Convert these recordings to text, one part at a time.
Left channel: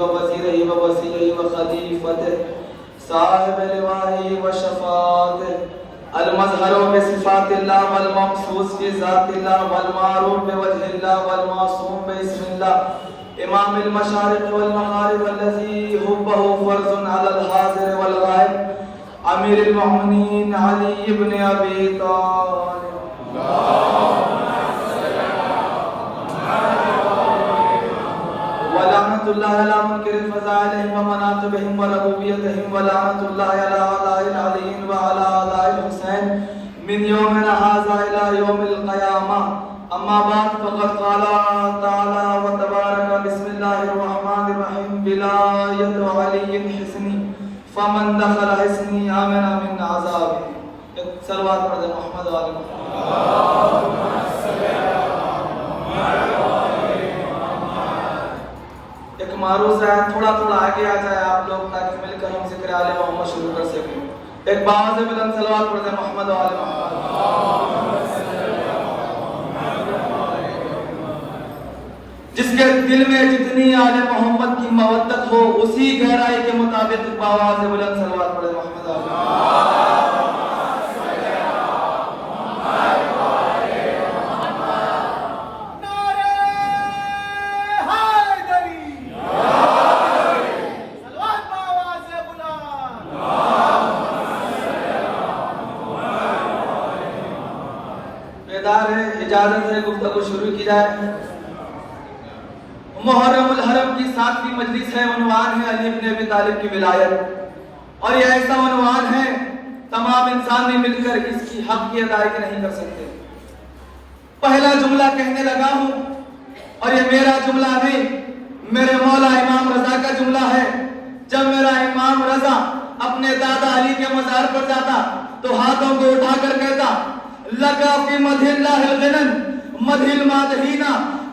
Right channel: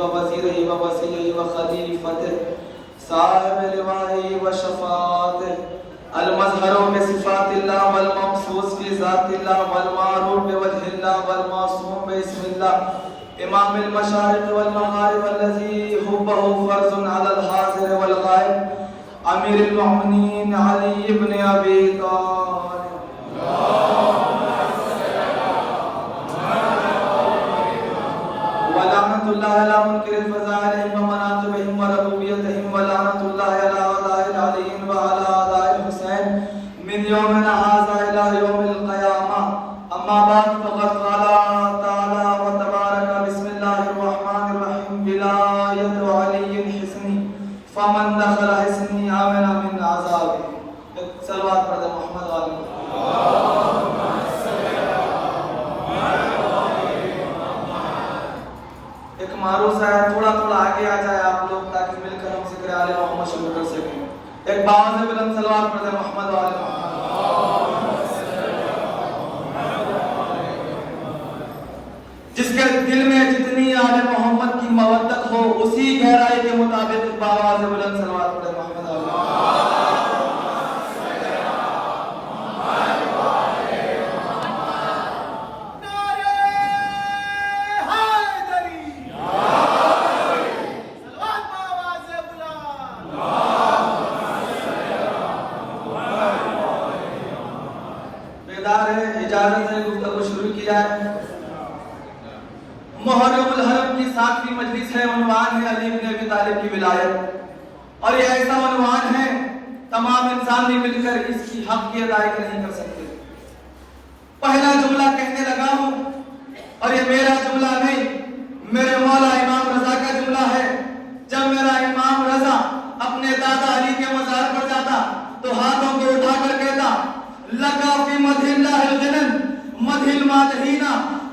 ووزيره ووسيله وخليفته صاحب لوائه وشفاعته المظهر بصفات الله والمخصوص بذات الله والمعروف بوجه الله والمعصوم باسم الله امام المشارق والمغارب الذي حبه فرض على الحاضر والغائب امیر المؤمنین علی ابن ابی طالب ولعنۃ اللہ علی منکر فضائلہم ومناقبہم وربوبیتہم ولعنۃ اللہ علی اعداء علی وعلی اعداء الحسین من یومنا ھذا الی یوم القیامہ اما بعد فقد قال تعالی وتبارک بسم اللہ الرحمن الرحیم ولایۃ علی حصنی فمن دخل حصنی آمن من عذاب. سلوات پڑھ دیں محمد و آل محمد. ایک معروض ہے تھوڑا تھوڑا آگے آ جائے آپ لوگ تاکہ مل کر ہم ذکر آل محمد شروع کر سکیں. ایک باز بلند سلوات پڑھ دیں محمد و آل محمد. جس کے دل میں جتنی آل محمد کی مودت ہو اسی گہرائی کے مطابق باواز بلند سلوات پڑھے محمد آل محمد. بیدار ہے اجازت ہے گفتگو شروع کی جائے. محرم الحرم کی 7ویں مجلس ہے. عنوان ہے علی بن ابی طالب کی ولایت اور یہ ایسا عنوان ہے تمام انسان نے مل کر اس کی حق کی ادائیگی نہیں کر سکتے. پہلا جملہ کہنے لگا ہوں اور یہ میرا جملہ نہیں میرے مولا امام رضا کا جملہ ہے. جب میرا امام رضا اپنے دادا علی کے مزار پر جاتا تو ہاتھوں کو اٹھا کر کہتا لگا فی مدح اللہ الغنم مدح المادحین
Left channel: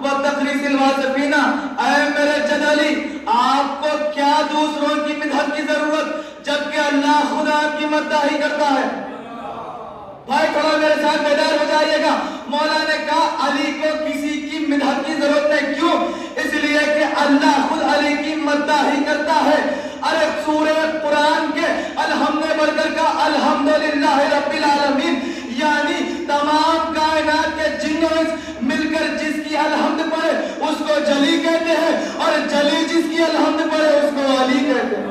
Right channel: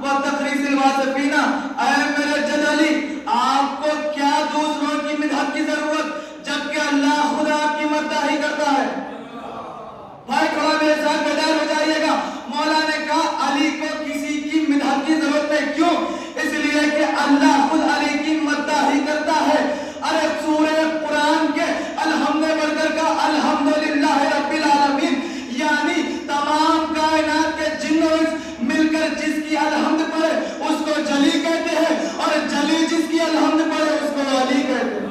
وتقریص الواصفین. اے میرے جد علی آپ کو کیا دوسروں کی مدح کی ضرورت جبکہ اللہ خدا آپ کی مدح ہی کرتا ہے. بھائی کھڑو میرے ساتھ بیدار ہو جائیے گا. مولا نے کہا علی کو کسی کی مدح کی ضرورت نہیں. کیوں؟ اس لیے کہ اللہ خود علی کی مدح ہی کرتا ہے. ارے سورہ قرآن کے الحمد بڑھ کر کا الحمدللہ رب العالمین یعنی تمام کائنات کے جن و انس مل کر جس کی الحمد پڑھے اس کو جلی کہتے ہیں اور جلی جس کی الحمد پڑھے اس کو علی کہتے ہیں.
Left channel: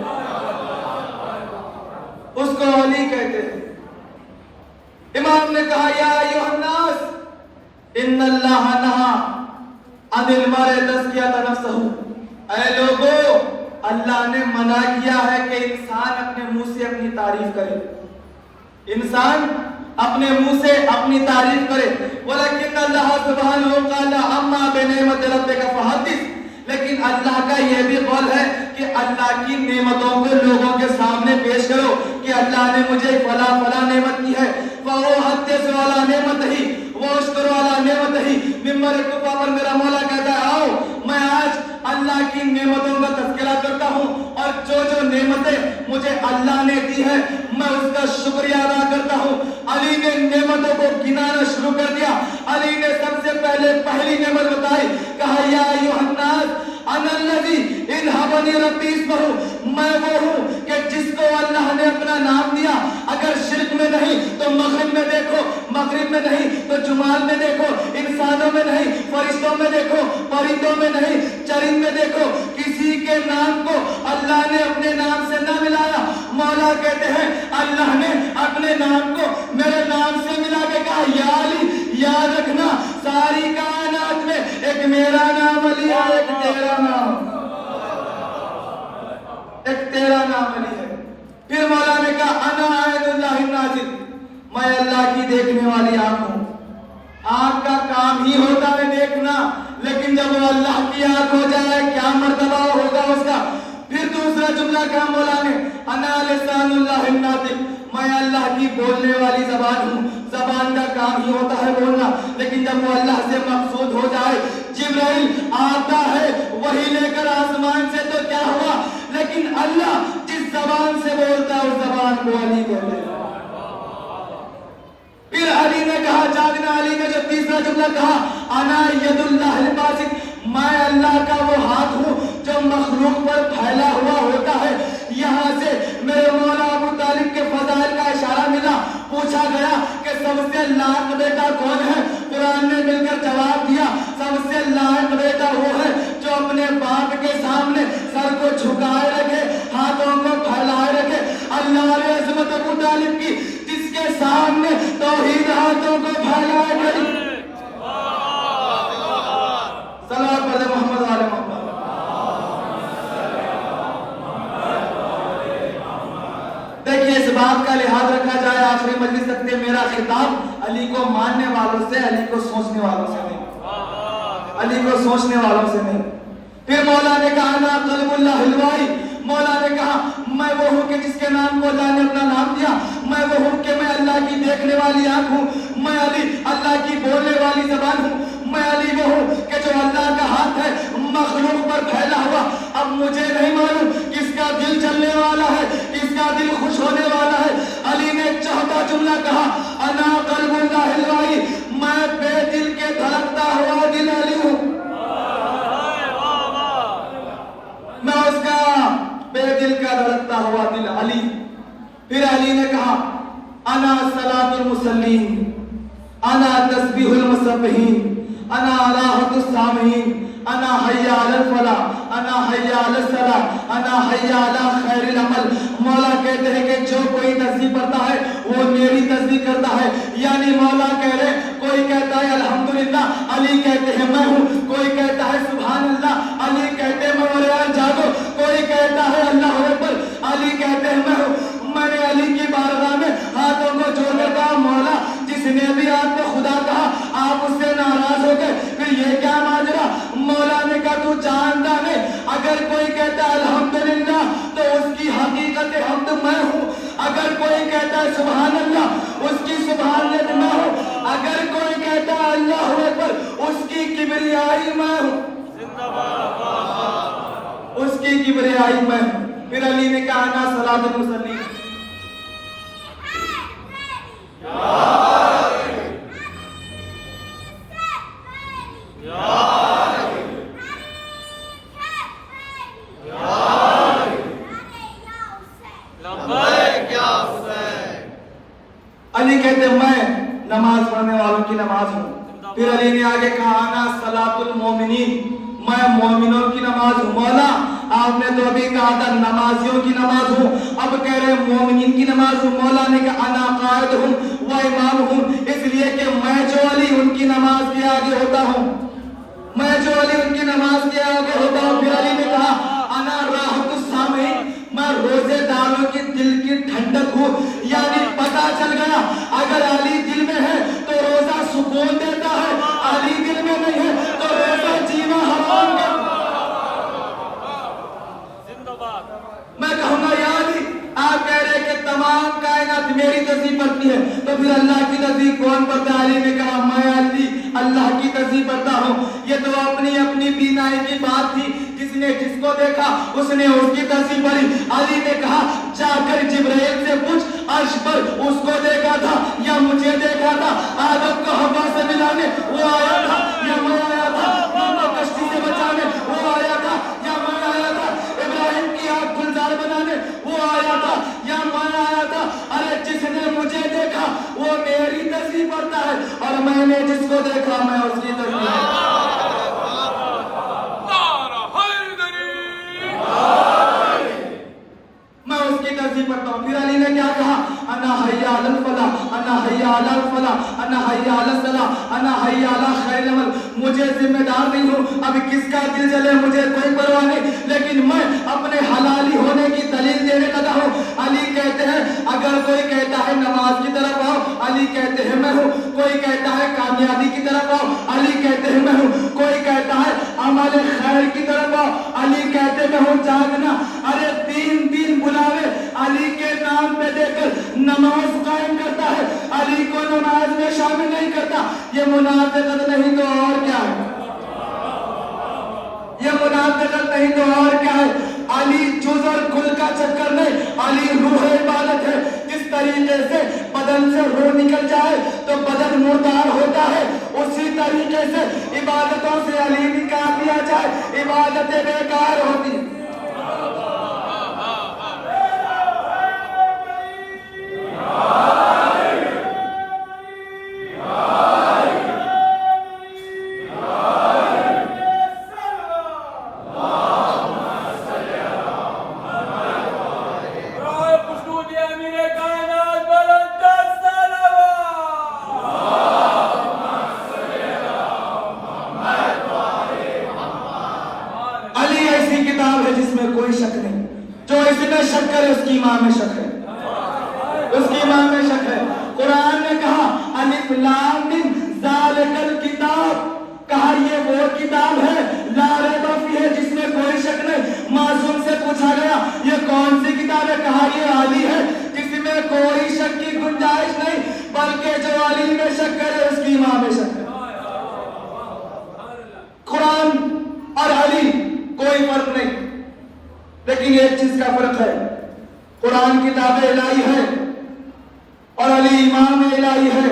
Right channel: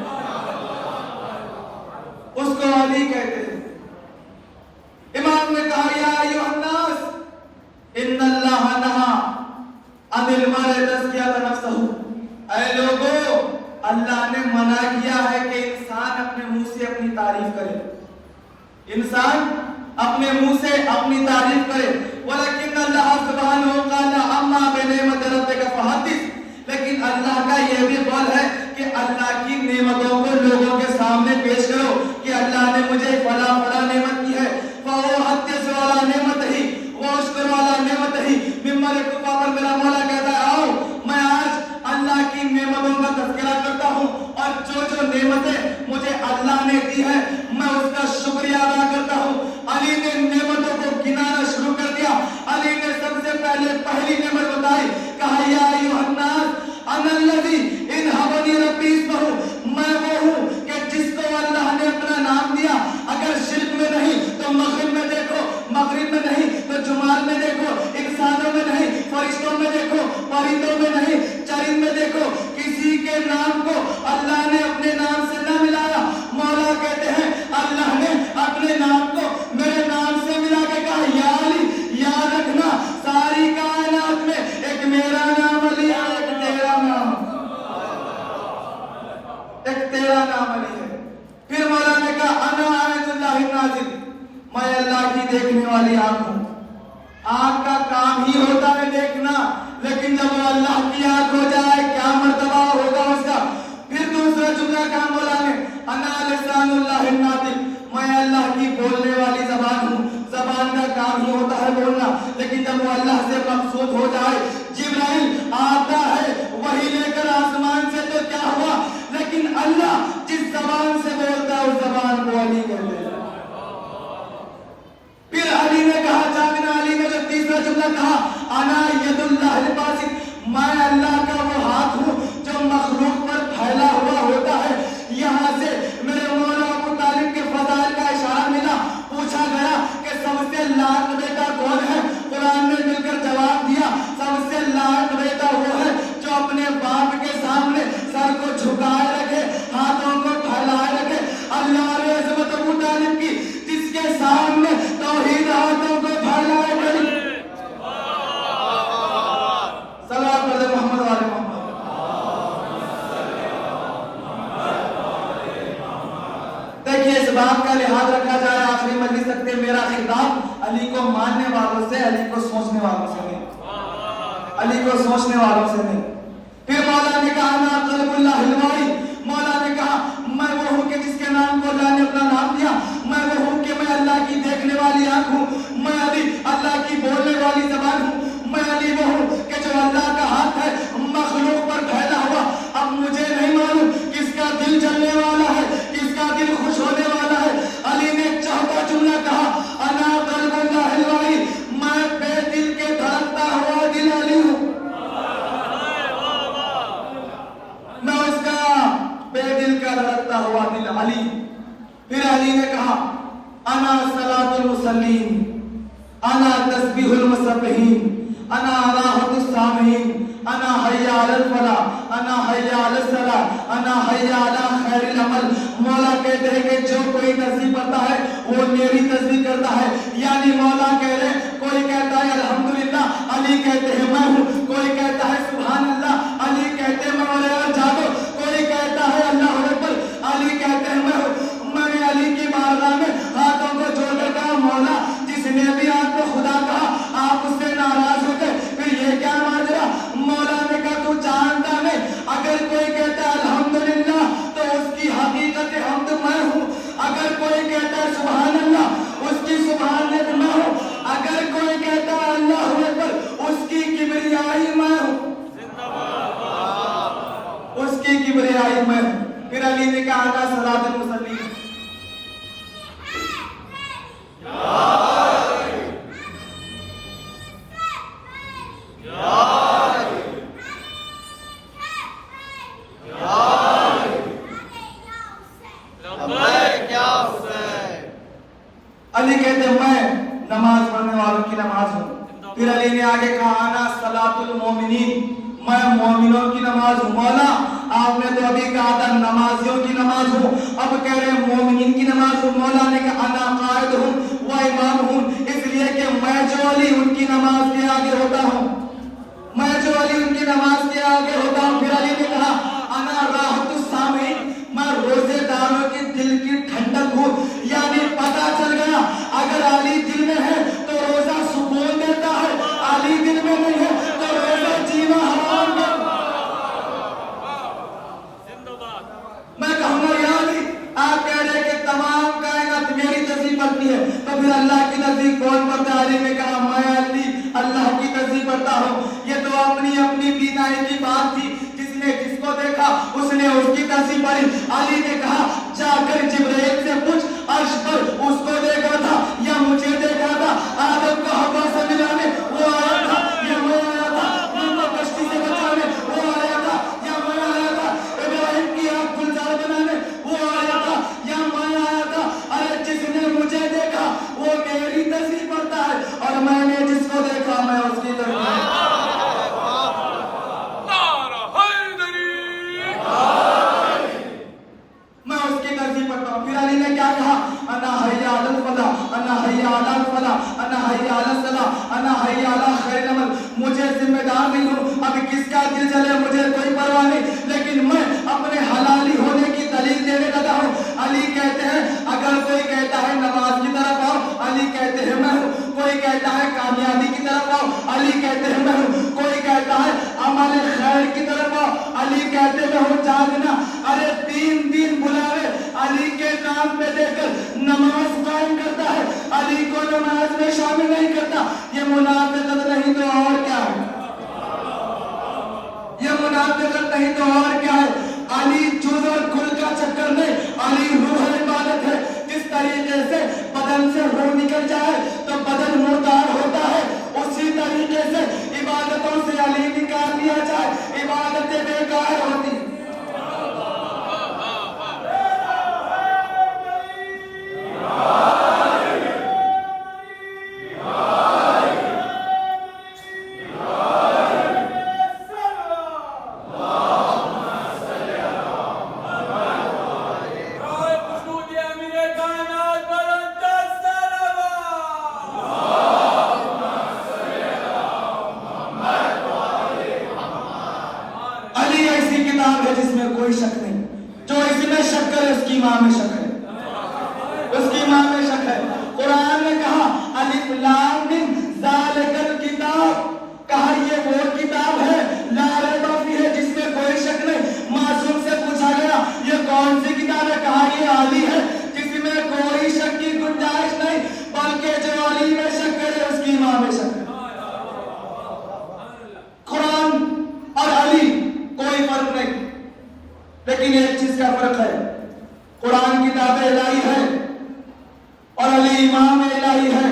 اس کو علی کہتے ہیں. امام نے کہا یا ایھا الناس ان اللہ نہا عن المرء تزکیۃ نفسہ. اے لوگوں اللہ نے منع کیا ہے کہ انسان اپنے منہ سے اپنی تعریف کرے. انسان اپنے منہ سے اپنی تعریف کرے. ولیکن اللہ سبحانہ قال اما بنعمت ربک فحدث. لیکن اللہ کا یہ بھی قول ہے کہ اللہ کی نعمتوں کو لوگوں کے سامنے پیش کرو کہ اللہ نے مجھے فلاں فلاں نعمت کی ہے. فَوَ حَدِّثْ وَلَا نعمت ہی وَاشْكُرْ وَلَا نعمت ہی. ممبر کفا پر میرا مولا کہتا ہے آؤ میں آج اللہ کی نعمتوں کا تذکرہ کرتا ہوں اور جو جو نعمتیں مجھے اللہ نے دی ہے میں اس کا شکریہ ادا کرتا ہوں. علی نے نعمتوں کو گنانا شروع کر دیا. علی نے سب سے پہلے پہلی نعمت بتائی. کہا یا ایھا الناس انا الذی انھبنی ربی اسمہ. میں وہ ہوں کہ جس کو اللہ نے اپنا نام دیا. اگر شرک میں نہیں تو مغرب میں دیکھو, مغرب میں نہیں تو جمعہ میں دیکھو, انسانوں میں نہیں فرشتوں میں دیکھو, پرندوں میں نہیں چرند میں دیکھو, کسی کے نام کو اللہ نے اپنے نام سے نہ ملایا. مولا کہتے ہیں اللہ نے اپنے نام کو میرے نام سے ملا کے کہا یا علی یاد رکھنا ساری کائنات میں ایک میرا نام علی ہے ایک تیرا نام علی ہے. پھر مولا نے کہا انا عین اللہ الناظر. میں اللہ کی دیکھنے والی آنکھ ہوں. آنکھ کا کام ہی ہوتا ہے دیکھنا لیکن جب وہ اللہ کی آنکھ ہو جائے کیا مرتبہ ہوگا اس کا. پھر دوسرا جملہ کہا مولا نے انا لسان اللہ الناطق. میں اللہ کی بولنے والی زبان ہوں. زبان کا کام ہی ہوتا ہے بولنا لیکن جب وہ اللہ سے مقصود ہو جائے جبرائیل آتا ہے وہی لے کر آسمان سے تو کیا ہوا لیکن اللہ جس زبان سے بولتا ہے اس زبان کو علی کہتے ہیں. پھر علی نے کہا بات کا لحاظ رکھا جائے آخری مجلس تک کہ میرا خطاب علی کو ماننے والوں سے، علی کو سوچنے والوں سے نہیں، علی کو سوچنے والوں سے نہیں۔ پھر مولا نے کہا نا قلب اللہ الوائی، مولا نے کہا میں وہ ہوں کہ جس کے نام کو اللہ نے اپنا نام دیا، میں وہ ہوں کہ میں اللہ کی دیکھنے والی آنکھ ہوں، میں علی اللہ کی بولنے والی زبان ہوں، میں علی وہ ہوں کہ جو اللہ کا ہاتھ ہے مخلوق پر پھیلا ہوا۔ اب مجھے نہیں معلوم کس کا دل چلنے والا ہے، کس کا دل خوش ہونے والا ہے۔ علی نے ایک چہتا جملہ کہا انا قلب اللہ الوائی، میں بے دل کے دھڑکتا ہوا دل علی ہوں، میں اس کا بے دل کا دھڑکتا ہوا دل علی۔ پھر علی نے کہا انا صلاۃ المصلین، انا تسبیح المسبحین، انا راحت السامعین، انا حی علی الفلاح، انا حی علی الصلاح، انا حی علی خیر العمل۔ مولا کہتے ہیں کہ جو کوئی تسبیح پڑھتا ہے وہ میری تسبیح کرتا ہے، یعنی مولا کہہ رہے کوئی کہتا ہے الحمدللہ، علی کہتے ہیں میں ہوں، کوئی کہتا ہے سبحان اللہ، علی کہتے ہیں مولا جاگو، کوئی کہتا ہے اللہ اکبر، علی کہتے ہیں میں ہوں۔ میں نے علی کی بارگاہ میں ہاتھوں کو جوڑے کہا مولا جس نے بھی آپ کو خدا کہا آپ اس سے ناراض ہو گئے، پھر یہ کیا ماجرا؟ مولا نے کہا تو جانتا ہے اگر کوئی کہتا ہے الحمدللہ تو اس کی حقیقت حمد میں ہوں، اگر کوئی کہتا ہے سبحان اللہ اس کی سبحانیت میں ہوں، اگر کوئی کہتا ہے اللہ اکبر اس کی کبریائی میں ہوں، اس کی کبریائی میں ہوں۔ پھر علی نے کہا انا صلاۃ المصلین، علی کہتے ہیں میں نماز پڑھنے والوں کی نماز ہوں۔ پھر علی نے آگے کہا انا صلاۃ المومنین، میں مومنوں کی نماز ہوں۔ مولا آپ نے تو ابھی کہا تھا نمازیوں کی نماز ہوں، اب کہہ رہے ہیں مومنین کی نماز ہوں۔ مولا نے کہا انا قائد ہوں و امام ہوں، اس لیے کہ میں جو علی ان کی نماز کے آگے ہوتا ہوں، میں جو علی ان کی نماز کے آگے ہوتا ہوں۔ پھر علی نے کہا انا راحت السامعین، میں روزے داروں کی دل کی ٹھنڈک ہوں، یعنی پتہ چل گیا اگر علی دل میں ہے تو روزہ سکون دیتا ہے، علی دل میں نہیں ہے تو روزہ جینا حرام ہے۔ میں کہوں گا یا علی آپ کہہ رہے کہ تمام کائنات میری تسبیح پڑھتی ہے تو پھر اللہ کی تسبیح کون پڑھتا ہے؟ علی نے کہا میں علی اللہ کی تسبیح پڑھتا ہوں۔ یہ تو اپنی اپنی بینائی کی بات تھی، جس نے جس کو دیکھا اس نے اس کی تسبیح پڑھی۔ علی نے کہا جا کر جبرائیل سے پوچھ عرش پر اس کو دیکھا تھا یا مجھے دیکھا تھا؟ آدم کو ہوا سے ملانے وہ آیا تھا یا میں آیا تھا؟ مولا کشتی سے بچانے وہ آیا تھا یا میں آیا تھا؟ ابراہیم کی آنکھ گلزار بنانے وہ آیا تھا یا میں آیا تھا؟ ارے جس نے مجھے دیکھا وہ میری تسبیح پڑھتا ہے اور میں نے جس کو دیکھا میں اس کی تسبیح پڑھتا ہوں۔ پھر علی نے کیا کہا انا حی علی الفلاح، انا حی علی الفلاح، انا حی علی الصلاح، انا حی علی خیر العمل۔ مجھے ذمہ دار نہیں ہوں اب کس کا دل جلے مجھے کوئی پرواہ نہیں، لیکن میں اپنے حلالی ہونے کی دلیل دینے لگا ہوں۔ علی کہتے ہیں اگر کوئی کہتا ہے نماز کی طرف آؤ، علی کہتے ہیں میں ہوں، کوئی کہتا ہے کامیابی کی طرف آؤ، علی کہتے ہیں میں ہوں، کوئی کہتا ہے عمل خیر کی طرف آؤ، علی کہتے میں ہوں جاگنا۔ ارے تین بلاوے علی کے نام پہ دے کر نماز قائم کرتا ہے، علی کو نماز میں شامل نہیں کرتا، یہ منافقت نہیں تو اور کیا ہے؟ یہ منافقت نہیں تو اور کیا ہے؟ علی جزء کل کا چکر نہیں، علی روح عبادت ہے۔ جس طریقے سے بدن سے روح نکل جائے تو بدن مردار ہوتا ہے، اسی طریقے سے عبادتوں سے علی نکال دیا جائے عبادتیں بیکار ہوتی ہیں۔ جس میں کوئی شک نہیں، جو اس میں شک کرے اس کی ماں میں شک ہے۔ لیکن ایک چیز کا فرق ہے، قرآن کتاب الہی ہے اور علی امام الہی ہے۔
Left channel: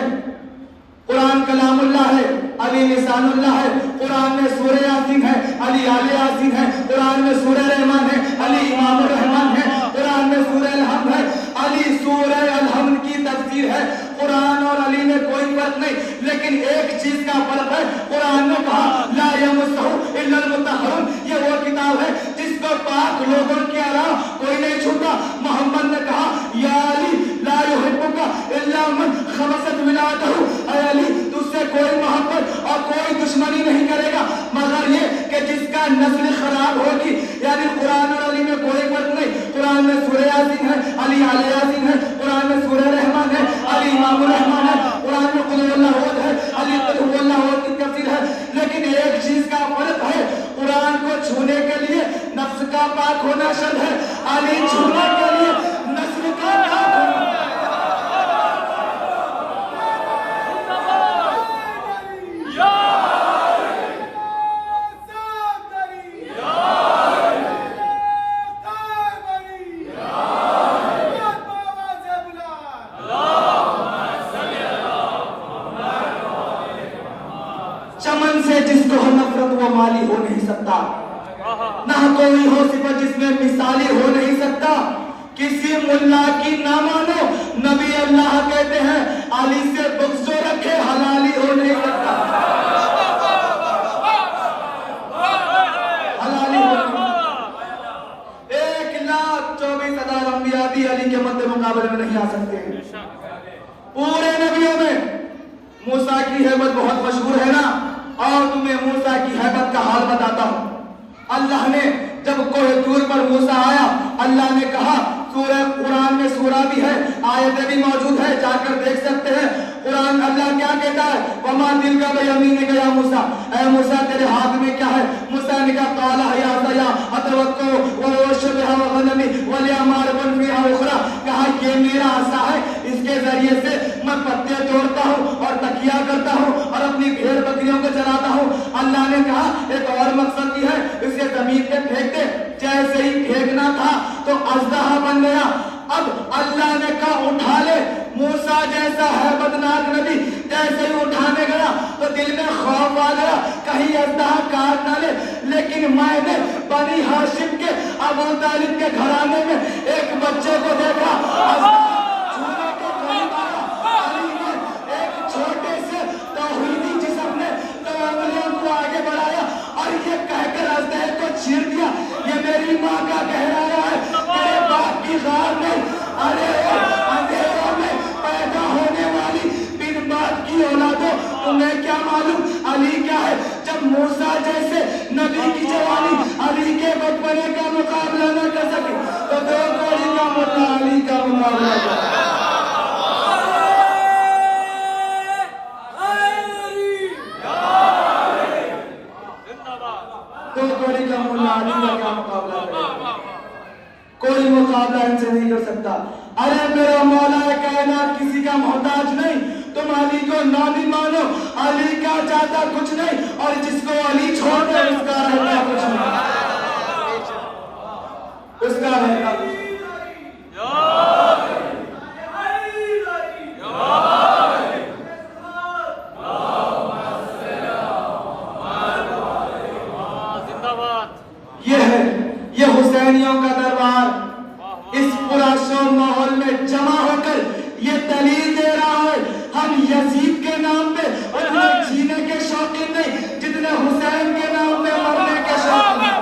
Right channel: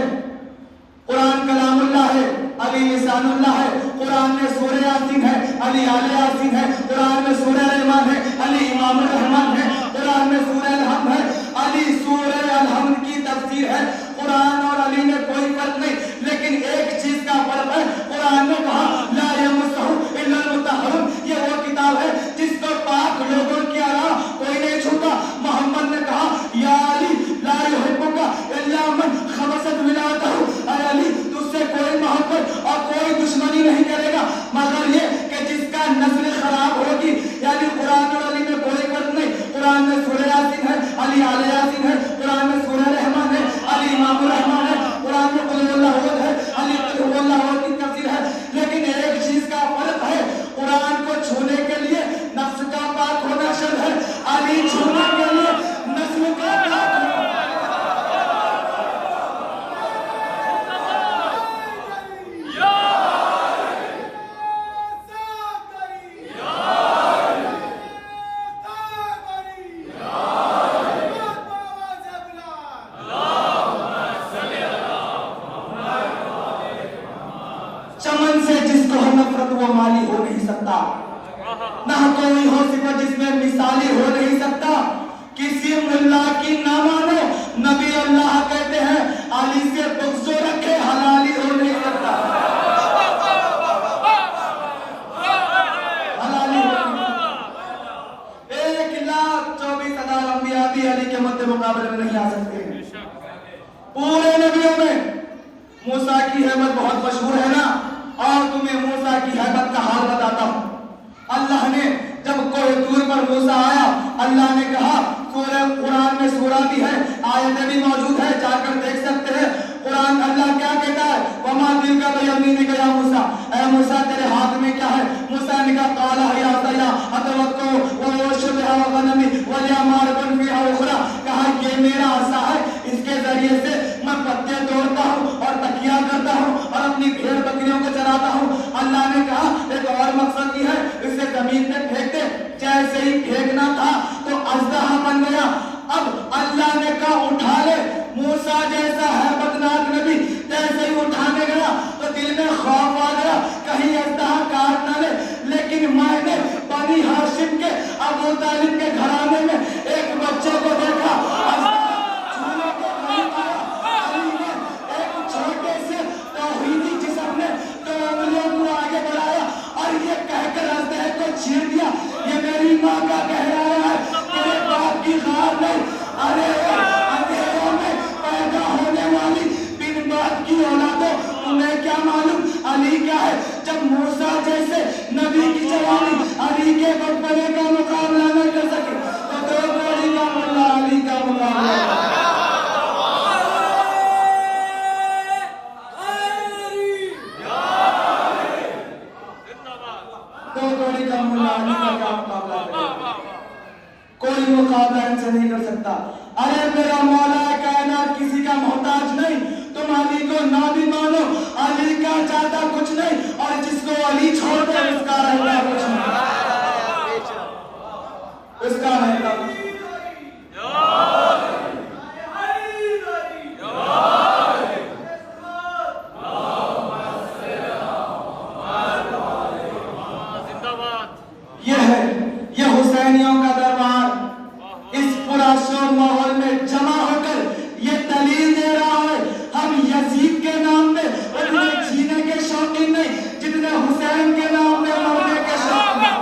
قرآن کلام اللہ ہے، علی لسان اللہ ہے۔ قرآن میں سورہ یاسین ہے، علی آل یاسین ہے۔ قرآن میں سورہ رحمان ہے، علی امام الرحمان ہے۔ قرآن میں سورہ الحمد ہے، علی سورہ الحمد کی تفسیر ہے۔ قرآن اور علی میں کوئی فرق نہیں، لیکن ایک چیز کا فرق ہے، قرآن نے کہا لا یمسہ الا المطہرون، یہ وہ کتاب ہے جس کو پاک لوگوں کے علاوہ کوئی نہیں چھوتا۔ محمد نے کہا یا علی لا یحبک الا من خبثت ولادہ، اے علی تجھ سے کوئی محبت اور کوئی دشمنی نہیں کرے گا مگر یہ کہ جس کا نسل خراب ہوگی۔ یعنی قرآن اور علی میں کوئی فرق نہیں۔ قرآن میں سورہ یاسین ہے، علی آل یاسین ہے۔ قرآن میں سورہ رحمان ہے، علی امام الرحمان ہے۔ قرآن میں قل اللہ احد ہے، علی قل هو اللہ احد کی تفسیر ہے۔ لیکن ایک چیز کا فرق ہے، قرآن کو چھونے کے لیے نفس کا پاک ہونا شرط ہے، علی چھونے کے لیے نسل کا پاک ہونا۔ چمن سے جس کو ہو نفرت وہ مالی ہو نہیں سکتا، نہ کوئی ہو صفت جس میں مثالی ہو نہیں سکتا۔ کسی ملا کی نہ مانو، نبی اللہ کہتے ہیں علی سے بغض جو رکھے حلالی ہو نہیں سکتا۔ حلالی ہو نہیں سکتا۔ 1,24,000 انبیاء بھی علی کے مد مقابلے میں نہیں آ سکتے ہیں۔ پورے نبیوں میں موسیٰ کی حیبت بہت مشہور ہے نا، اور تمہیں موسیٰ کی حیبت کا حال بتاتا ہوں۔ اللہ نے جب کوہ طور پر موسیٰ آیا، اللہ نے کہا، سورہ قرآن میں سورہ بھی ہے، آیتیں بھی موجود ہے، جا کر دیکھ سکتے ہیں۔ قرآن اللہ کیا کہتا ہے؟ وَمَا تِلْكَ بِيَمِينِكَ يَا موسیٰ، اے موسیٰ تیرے ہاتھ میں کیا ہے؟ موسیٰ نے کہا قَالَ هِيَ عَصَايَ أَتَوَكَّأُ وَأَهُشُّ بِهَا عَلَىٰ غَنَمِي وَلِيَ مَآرِبٌ فِيهَا أُخْرَىٰ، کہا یہ میرا عصا ہے، اس کے ذریعے سے میں پتے توڑتا ہوں اور تکیہ کرتا ہوں اور اپنی بھیڑ بکریوں کو چراتا ہوں۔ اللہ نے کہا ایک اور مقصد بھی ہے، اسے زمین پہ پھینک دے۔ جیسے ہی پھینکنا تھا تو اژدہا بن گیا۔ اب اللہ نے کہا اٹھا لے۔ موسیٰ جیسا ہیبتناک نبی جیسے ہی اٹھانے گیا تو دل میں خوف آ گیا کہیں اژدہا کاٹ نہ لے، لیکن میں نے بنی ہاشم کے ابو طالب کے گھرانے میں ایک بچے کو دیکھا، ایک چھوٹے سے توحیدی جسم نے دو انگلیوں کو آگے بڑھایا اور یہ کہہ کر اژدہے کو چیر دیا، یہ میری ماں کا کہہ رہا ہے، تیرے باپ کی غار نہیں۔ ارے اندھیروں میں پیدا ہونے والی بن باپ کی اولادوں، تمہیں کیا معلوم علی کیا ہے؟ جب موسیٰ جیسے نبی کی جوانی علی کے بچپنے کا مقابلہ نہ کر سکے تو دو گوڑی نام اللہ علی کا مقابلہ کر۔ کوئی مقابلہ ان سے نہیں کر سکتا۔ ارے میرا مولا کائنات کسی کا محتاج نہیں، تم علی کو نہ بھی مانو، علی کا چاہتا کچھ نہیں، اور جس کو علی چھوڑ دے اس کا رہتا کچھ نہیں، اس کا رہتا کچھ نہیں۔ یہ حسینیوں کا دربار اس پراسور ماحول میں جمع ہو کر یہ دلیل دے رہا ہے، ہم یزید کے نام پہ اتنے جینے کے شوقین نہیں جتنے حسین کے نام پہ رونے کے شوقین ہیں۔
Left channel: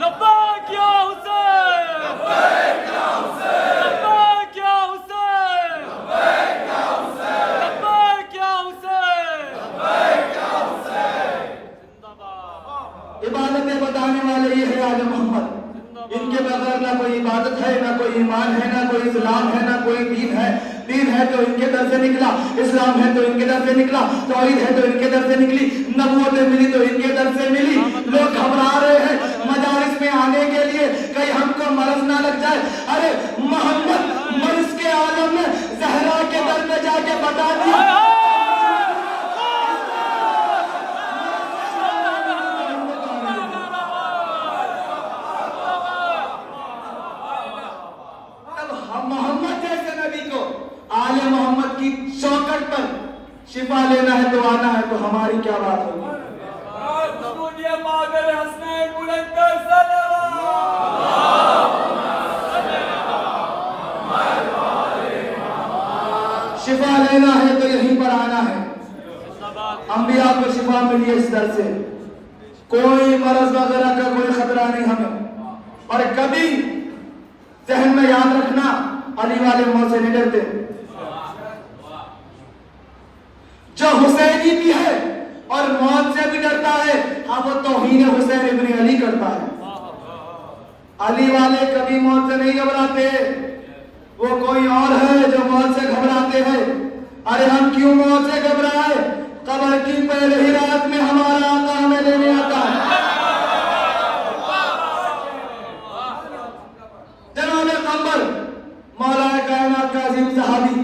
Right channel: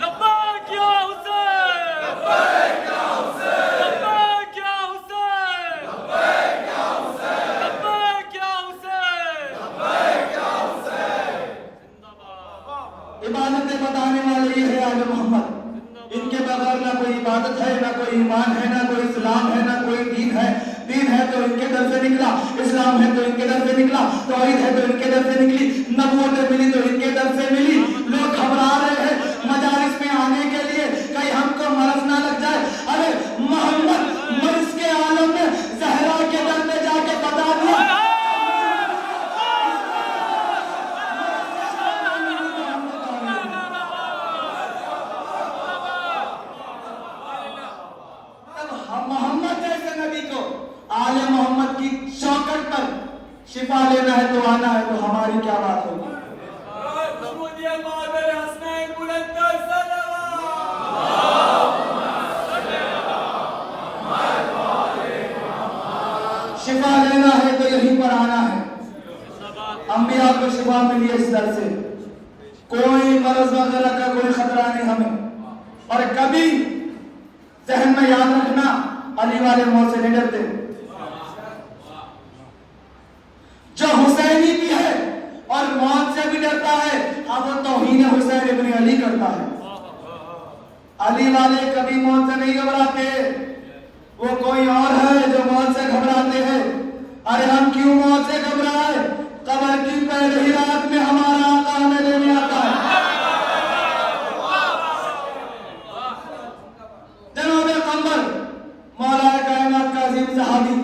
لبیک یا حسین، لبیک یا حسین، لبیک یا حسین، لبیک یا حسین، لبیک یا حسین، لبیک یا حسین۔ عبادتیں بتانے والے یہ ہے آل محمد، ان کے بغیر نہ کوئی عبادت ہے، نہ کوئی ایمان ہے، نہ کوئی اسلام ہے، نہ کوئی دین ہے۔ دین ہے تو ان کے در سے نکلا، اسلام ہے تو ان کے در سے نکلا، توحید ہے تو ان کے در سے نکلی، نبوت ملی تو ان کے در سے ملی۔ لوگ گھبرا رہے ہیں مجالس میں آنے کے لیے کہیں ہم کو مرض نہ لگ جائے۔ ارے محمد مرض کے عالم میں زہرا کے در پہ جا کے بتا دیا اور کبھی ذہن میں یاد رکھنا علی والے موت سے نہیں ڈرتے. جو حسینی بھی ہے اور موت سے بھی ڈرتا ہے اب وہ توہین حسین ابن علی کرتا ہے. علی والے کبھی موت سے نہیں گھبراتے, وہ کوئی اور ہے جو موت سے گھبراتے ہیں. ارے ہم کیوں موت سے گھبرائے؟ قبر کی پہلے ہی رات میں ہمارا آقا ہمیں لینے آتا ہے. جناب قمر مولا کائنات کا عظیم صحابی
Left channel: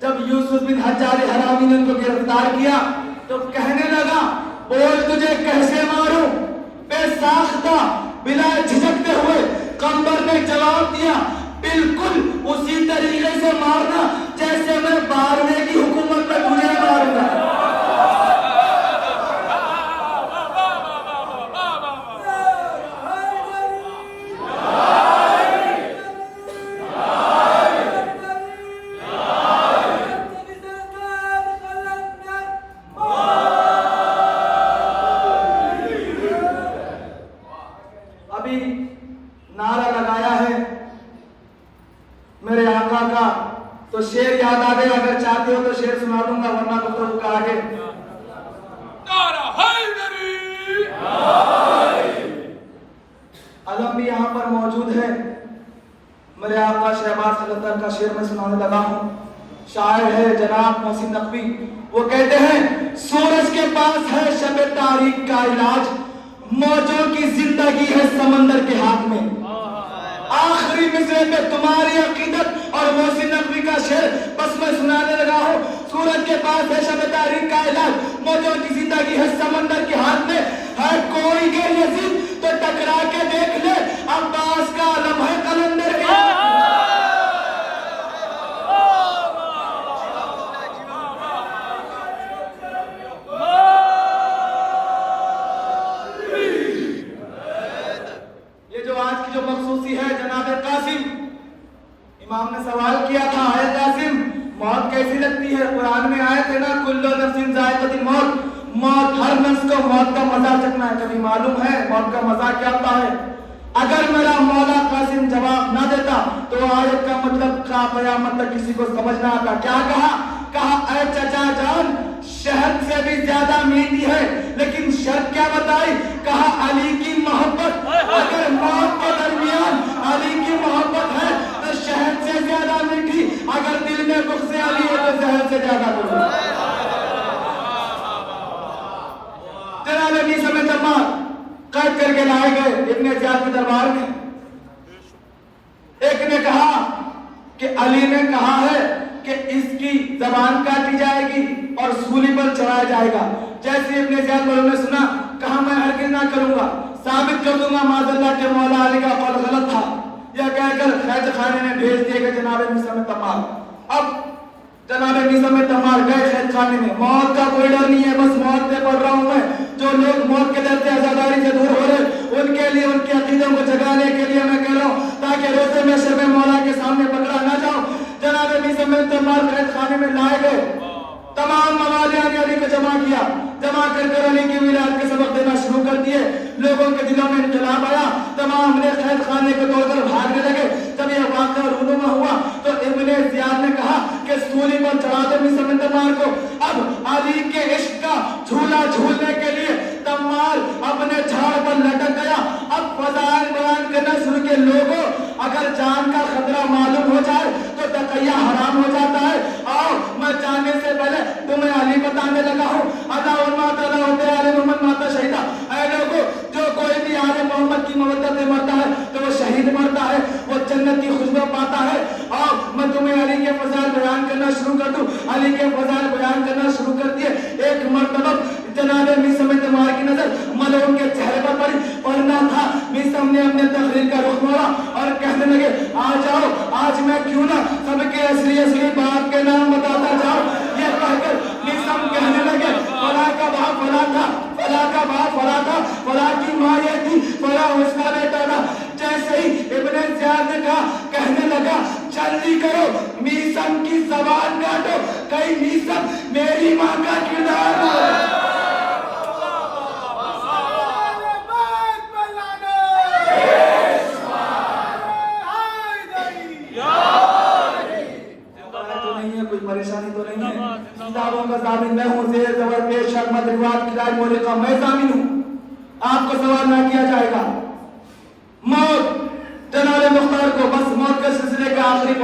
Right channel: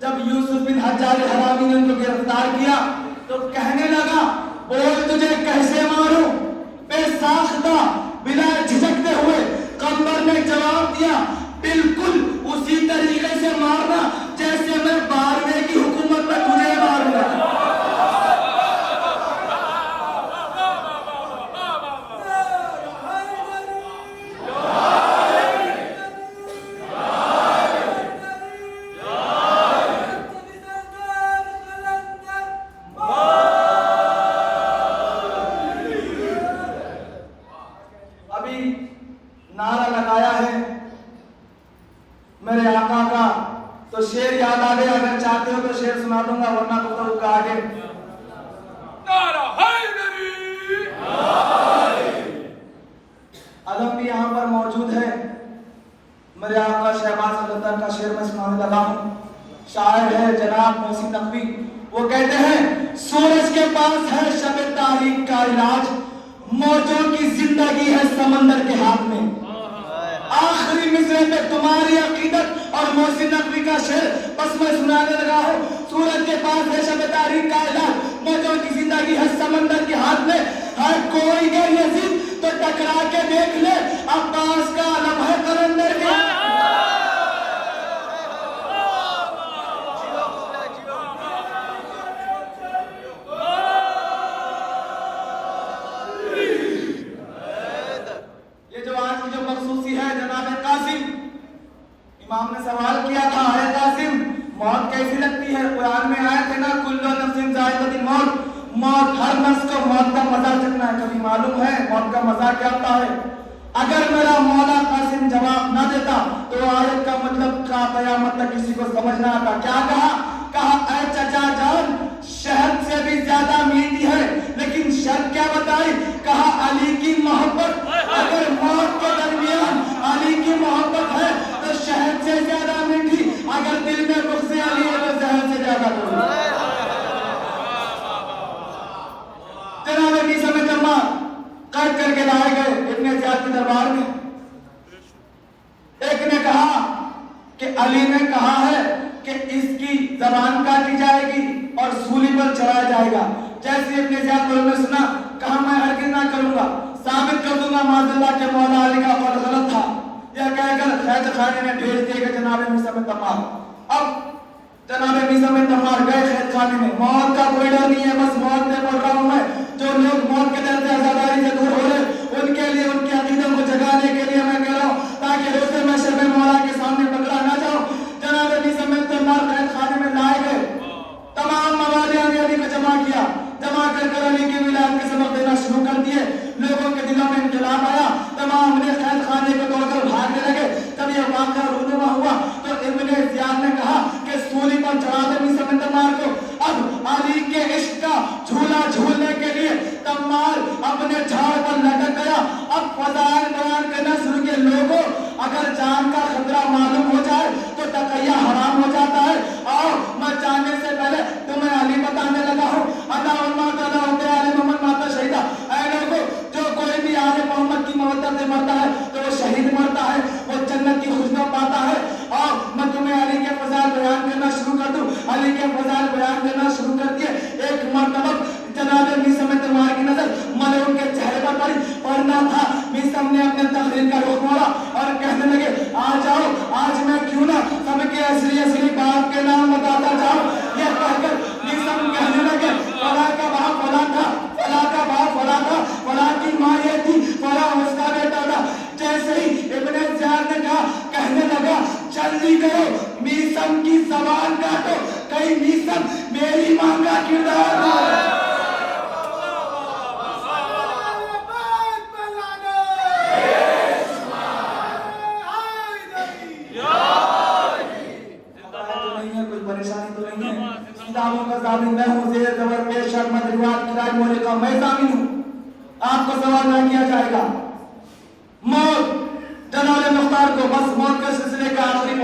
جب یوسف بن حجاج حرامی نے ان کو گرفتار کیا تو کہنے لگا اور تجھے کیسے ماروں؟ بے ساختہ بلا جھجکتے ہوئے قمر نے جواب دیا بالکل اسی طریقے سے مارنا جیسے میں 12ویں کی حکومت میں تجھے ماروں گا. نعرہ لگایا ہے میرے آقا کا تو شعر یاد آ گیا. اگر چاہتے ہو تو شعر سنا دوں گا ورنہ تو پڑھوں گا آگے. نعرہ حیدری علم بھی یہاں پر موجود ہے. میرے آقا شہباز خلوتن کا شعر میں سنانے لگا ہوں. شاعر ہے جناب محسن نقوی. وہ کہتے ہیں سورج کے پاس ہے شب تاریک کا علاج, موجوں کی زندگی ہے سمندر کے ہاتھ میں. آخری مصرے میں تمہاری عقیدت اور محسن نقوی کا شعر بس میں سنانے لگا ہوں. سورج کے پاس ہے شب تاریک کا علاج, موجوں کی زندگی ہے سمندر کے ہاتھ میں. ہے کوئی غیر یزید تو ٹکرا کے دیکھ لے, عباس کا علم ہے قلندر کے. جو مخصوصی ہے جناب قاسم, امام نے سوال کیا تھا اے قاسم موت کیسی لگتی ہے؟ قرآن میں آئے تھے نا کل نفس ذائقۃ الموت, موت ہر نفس کو موت کا مزہ چکھنا ہے. کبھی معلوم ہے موت کا مزہ کیا ہوتا ہے؟ اگر میرا مولا قاسم جواب نہ دیتا تو آیت کا مطلب کا قیامت تک کسی کو سمجھ نہ آتا. کیا کہا اے چچا جان شہد سے بھی زیادہ میٹھی ہے, لیکن شرط کیا بتائی؟ کہا علی کی محبت. اگر موت کے درمیان علی کی محبت ہے تو شہد سے زیادہ میٹھی, اگر دل میں غصے علی ہے تو زہر سے زیادہ میٹھی. جناب علی سب دربار قید کر کے لائے گئے ابن زیاد کے دربار میں. ایک نے کہا کہ علی نے کہا ہے کہ اس کی زبان کاٹی جائے گی اور سولی پر چڑھایا جائے گا. جیسے ابن زیاد نے سنا کہا میں ہرگز نہ کروں گا, ثابت کر دوں گا معاذ اللہ کہ مولا علی کا قول غلط تھا. یہ کہہ کر قید خانے میں بھیج دیے گا جناب موسی تمام. اب جناب موسی تمام گئے قید خانے میں. موت کا کوئی ڈر نہیں ہے, بس موت سے پڑھ رہا ہوں میں. جو لوگ موت کے ڈر سے آزاداری سے دور ہو رہے ان کے لیے ان کے عقیدے کو جگانے کے لیے میں کہہ رہا ہوں تاکہ راستے میں شب مولا کے سامنے پکڑا نہ جاؤ. جناب موسی تمام قید خانے میں لائے گئے. تمام موالیان نے علی کو جمع کیا. جمع کر کے علی کی ولایت کے سبق دینا شروع کر دیے. لوگوں کے دلوں میں انقلاب آیا. تمام نے قید خانے کو توڑ کر بھاگنے لگے. جب یہ واقعہ رونما ہوا تو ابن زیاد نے کہا کہ سولی پر چڑھا دو موسی تمام کو. اب علی کے عشق کا جھولا جھولنے کے لیے تمام اپنے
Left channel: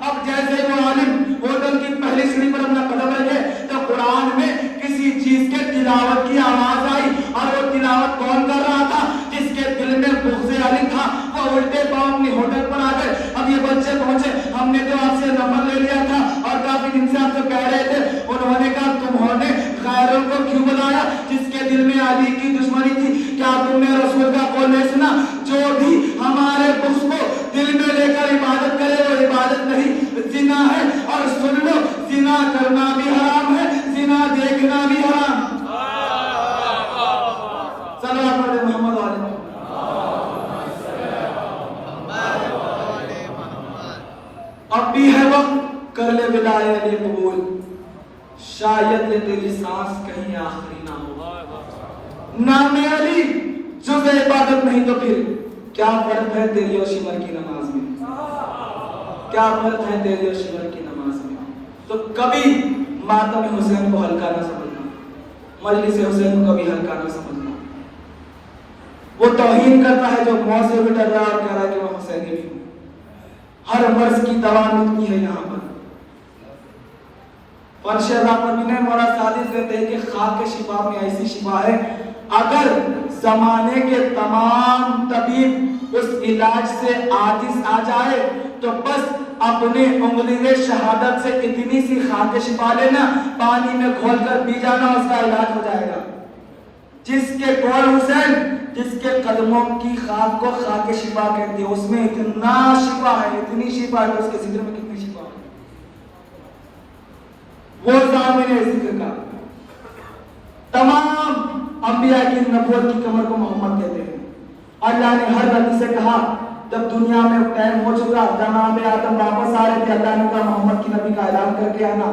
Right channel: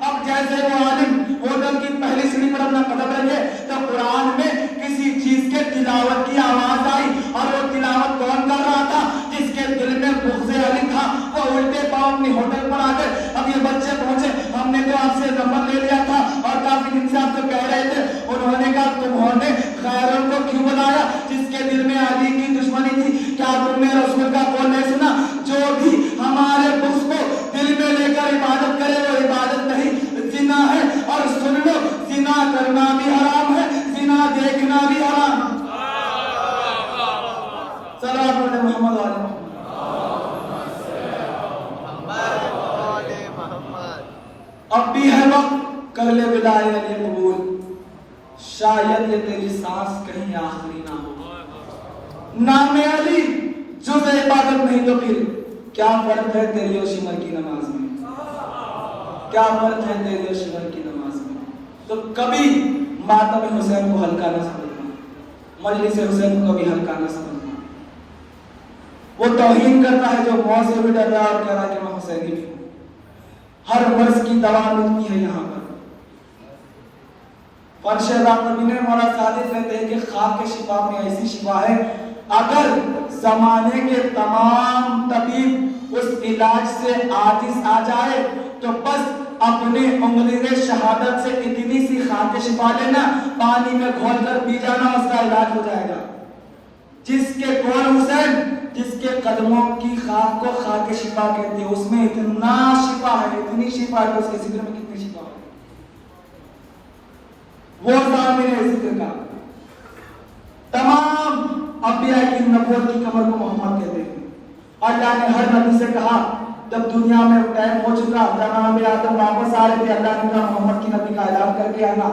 اب جیسے وہ عالم ہوٹل کی پہلی سیڑھی پر اپنا قدم رکھے تو قرآن میں کسی چیز کے تلاوت کی آواز آئی, اور وہ تلاوت کون کر رہا تھا؟ جس کے دل میں بغض علی تھا. تو الٹے پاؤں اپنی ہوٹل پر آ گئے. اب یہ بچے پہنچے, ہم نے تو آپ سے نمبر لے لیا تھا اور کافی دن سے آپ کو کہہ رہے تھے. انہوں نے کہا تمہوں نے خیروں کو کیوں بلایا جس کے دل میں علی کی دشمنی تھی؟ کیا تم نے رسول کا قول نہیں سنا؟ جو بھی ہمارے بغض کو دل میں لے کر عبادت کرے وہ عبادت نہیں, زنا ہے. اور سن لو, زنا کرنا بھی حرام ہے, زنا دیکھنا بھی حرام. صلوات محمد علیہ. اب بھی ہے وقت, کر لے وداع علی قبول, شاید یہ تیری سانس کہیں آخری نہ ہو. نام علی جز عبادت نہیں تو پھر کیا فرق ہے تیری اور شمر کی نماز میں؟ کیا فرق ہے تیری اور شمر کی نماز میں؟ تو کبھی ماتم حسین کو ہلکا نہ سمجھنا, مجلس حسین کو کبھی ہلکا نہ سمجھنا. وہ توہین کرتا ہے جو موت سے بھی ڈر رہا ہے, کہہ رہا ہے کہ میں حسینی ہوں. ہر مرض کی دوا ملتی ہے یہاں پر. فرش رحمت نے مولا سعادت کہتے ہیں کہ خاک کے شفا میں ایسی شفا ہے, اگر زمانے کے تمام طبیب اس علاج سے عاجز آ جائے تو بس اپنے انگلی شہادت سے اتنی سی خاک شفا لینا, پانی میں گھول کر پی جانا, اس کا علاج ہو جائے گا. جس کے کون حسین, جس کے قدموں کی خاک کو خاک شفا کہتی ہے, اس میں اتنا شفا ہے, اتنی شفا ہے, اس کے ذکر میں کتنی شفا ہے. وہ ضامن ذکر کا تمام انبیاء کی نبوت کی کمر کو محمد کہتے ہیں. اللہ نے ہر نبی سے کہا, جب دنیا میں ٹائم ہو چکا, جناب آدم واپس آ رہے تھے, اللہ نے کہا محمد کی نبی کا اعلان کر کے آنا.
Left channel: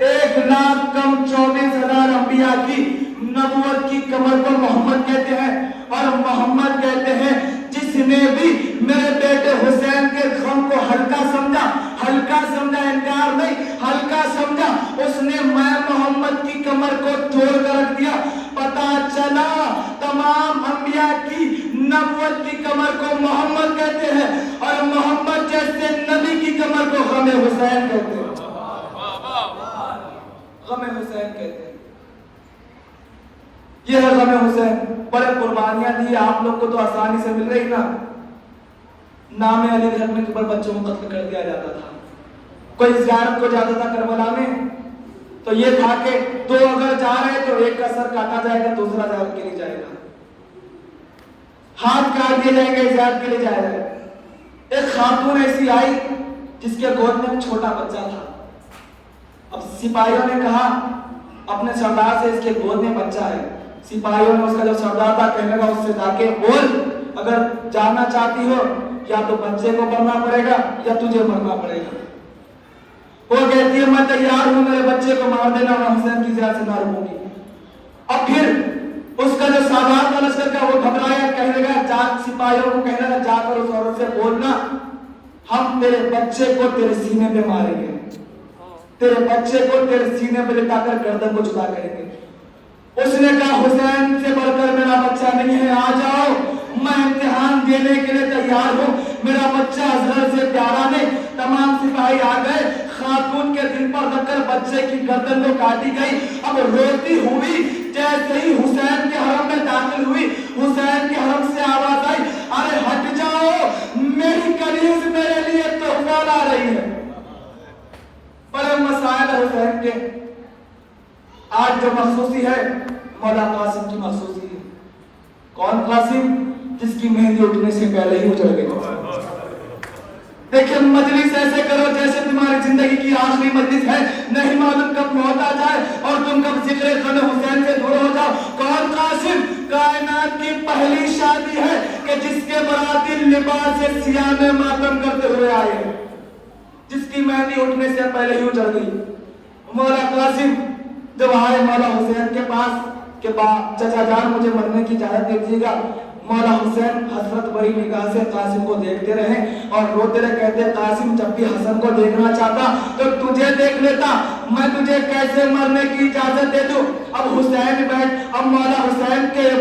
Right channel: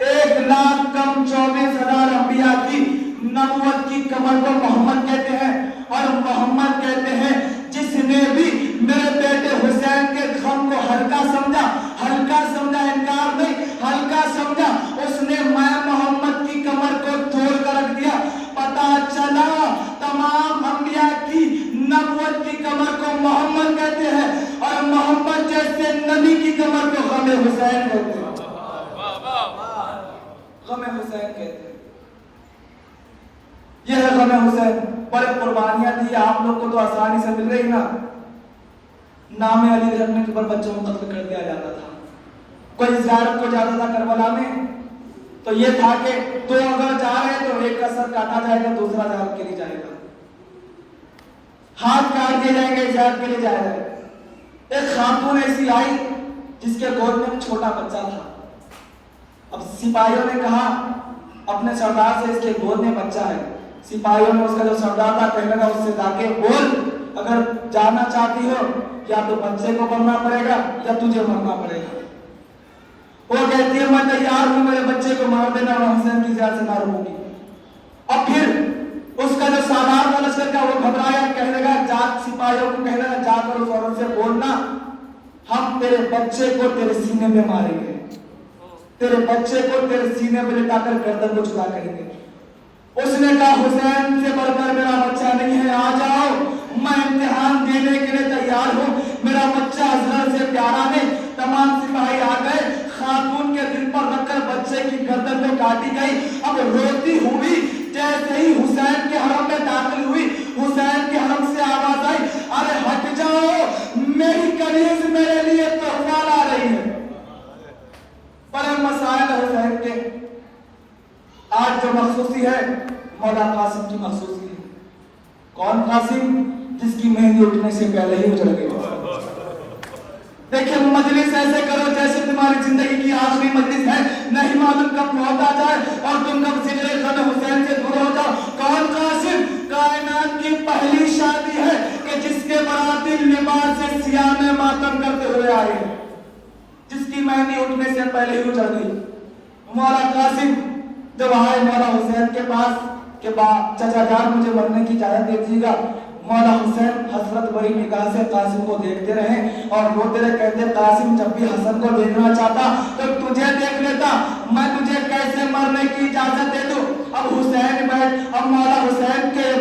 1,00,000 کم 24,000 انبیاء کی نبوت کی کمر کو محمد کہتے ہیں. اور محمد کہتے ہیں جس نے بھی میرے بیٹے حسین کے غم کو ہلکا سمجھا, ہلکا سمجھا, انکار نہیں, ہلکا سمجھا, اس نے میں محمد کی کمر کو توڑ کر رکھ دیا. پتا چلا تمام انبیاء کی نبوت کی کمر کو محمد کہتے ہیں, اور محمد جیسے نبی کی کمر کو غم حسین کہتے ہیں. غم حسین کہتے ہیں. یہ ہے غم حسین. بڑے قربانیاں دی آپ لوگ کو تو آسانی سے مل رہی نا. نام علی رکھنے کے پر بچوں کو قتل کر دیا جاتا تھا. کوئی زیارت کو جاتا تھا کربلا میں تو یہ تھا کہ دو اگر جا رہے تو ایک کا سر کاٹا جائے گا, دوسرا زیارت کے لیے جائے گا. ہاتھ کاٹ دیے جائیں گے, زیارت کے لیے جائے گا. ایک خاتون ایسی آئی جس کے گود میں ایک چھوٹا بچہ تھا. اب سپاہیوں نے کہا اپنے سردار سے اس کے گود میں بچہ ہے. سپاہیوں نے اس کا جو سردار تھا کہنے لگا اس سے جا کے بول, اگر جانا چاہتی ہو یا تو بچے کو مرنا پڑے گا یا تجھے مرنا پڑے گا. وہ کہتی ہے میں تیار ہوں, میرے بچے کو مار دینا, میں حسین کی زیادہ سے معلوم ہوگی. اب پھر اس کا جو سالار کا لشکر تھا وہ گھبرایا, کہنے لگا جا, سپاہیوں کو کہنے لگا جا کر اس عورت سے بولنا ہم تیرے بچے کو تیرے سینے پہ ماریں گے, تیرے بچے کو تیرے سینے پہ لٹا کر گردن کو جدا کریں گے. اس نے کہا حسین سے بڑھ کر میرا بچہ نہیں ہے, آ جاؤ, میں امتحان دینے کے لیے تیار ہوں, میرا بچہ حضرت سے پیارا ہے. تمام سپاہی آ گئے, خاتون کے دل پر رکھ کر بچے کی گردن کو کاٹی گئی. اب روتی ہوئی جیسے ہی حسین کے حرم میں داخل ہوئی, حسین کے حرم سے آواز آئی, ارے ہٹ جاؤ, میری کنیز میرے لیے تحفہ لا رہی ہے. بڑے مسائل حسین کے. آج جو مخصوصی ہے مولا قاسم کی مخصوصی ہے. کون قاسم؟ جس کی مہندی اٹھنے سے پہلے ہی اٹھ گئی. دیکھیں مجلس ایسے کرو جیسے تمہاری زندگی کی آخری مجلس ہے, نہیں معلوم کب موت آ جائے اور تم کب ذکر غم حسین سے دور ہو جاؤ. کون قاسم؟ کائنات کی پہلی شادی ہے کہ جس کے براتی لباس سیاہ میں ماتم کرتے ہوئے آئے, جس کی مہندی اٹھنے سے پہلے ہی اٹھ گئی. مولا قاسم جب آئے مولا حسین کے پاس کہ چچا جان مجھے مرنے کی اجازت دے دیجیے گا, مولا حسین حسرت بھری نگاہ سے قاسم کو دیکھتے رہے اور روتے رہے, کہتے قاسم جب بھی حسن کو دیکھنا چاہتا تو تجھے دیکھ لیتا, میں تجھے کیسے مرنے کی اجازت دے دوں. اب حسین بیٹھ, اب مولا حسین کے